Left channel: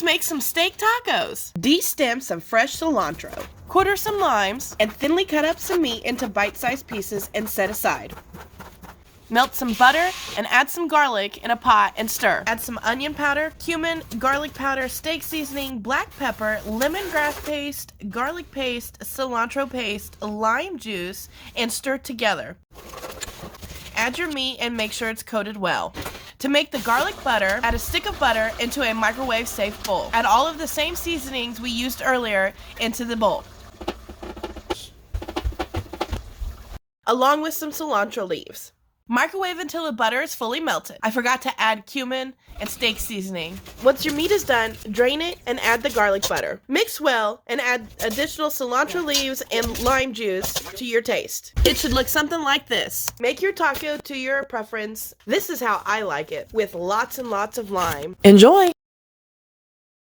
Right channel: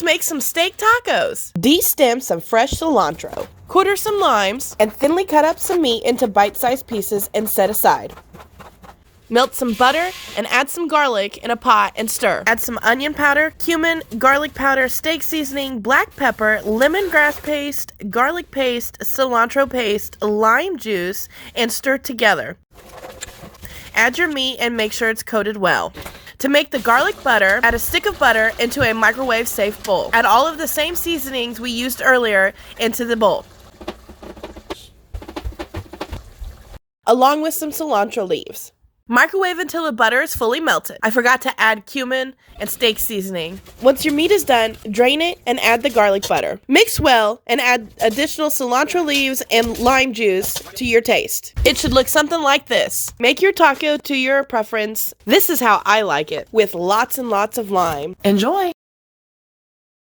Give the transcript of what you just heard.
Let's make some steak tacos. De-stem some fresh cilantro. Quarter some limes and thinly cut up some meat into bite-sized pieces and set aside. Melt some butter and add some garlic in a pot and stir. Add some onion powder, cumin, garlic powder, steak seasoning, black pepper, lemongrass paste, garlic paste, cilantro paste, lime juice, and stir together. Add your meat and make sure it's coated well. To make the garlic butter, add a stick of butter into a microwave-safe bowl. Add all of the same seasonings we used earlier into the bowl, along with some cilantro leaves. Microwave until the butter is fully melted. I forgot to add cumin and steak seasoning. Once your meat is done, drain it and add the garlic butter. Mix well and add additional cilantro leaves and lime juice to your taste. It should look something like this. Make your taco to your preference. This is how I like it, with lots and lots of lime. Enjoy!